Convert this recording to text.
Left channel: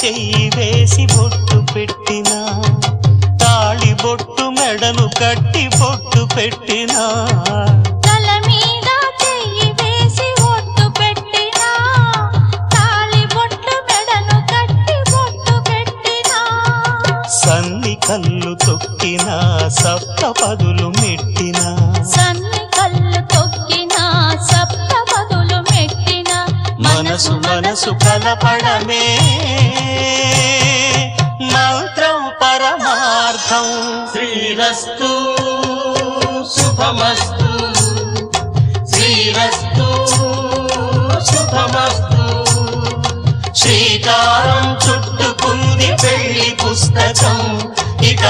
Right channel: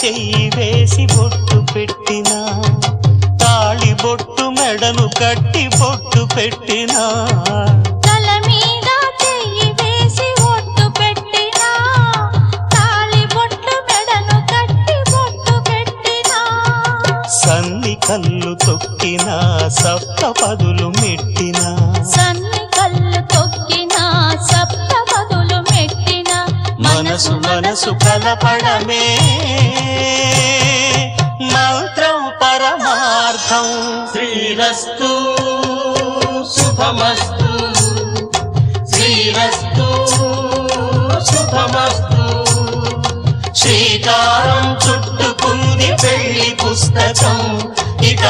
చెయ్యి వేసి బొట్టు పెట్టినా, తాళి బొట్టు మెడను కట్టి బొట్టు పెట్టినా, తల మీద చెయ్యి వేసి బొట్టు పెట్టినా, తాళి బొట్టు మెడను కట్టి బొట్టు పెట్టినా, సన్ని కళ్ళు తొక్కినా సప్త పదులు మెట్టినా, సన్ని కళ్ళు తొక్కినా సప్త పదులు మెట్టినా, మనసు మనసు కలపడమే మంత్రం పరమార్థం. శ్రీరస్తు శుభమస్తు, శ్రీరస్తు శుభమస్తు. శ్రీకారం చుట్టుకుంది పెళ్లి పుస్తకం, ఇక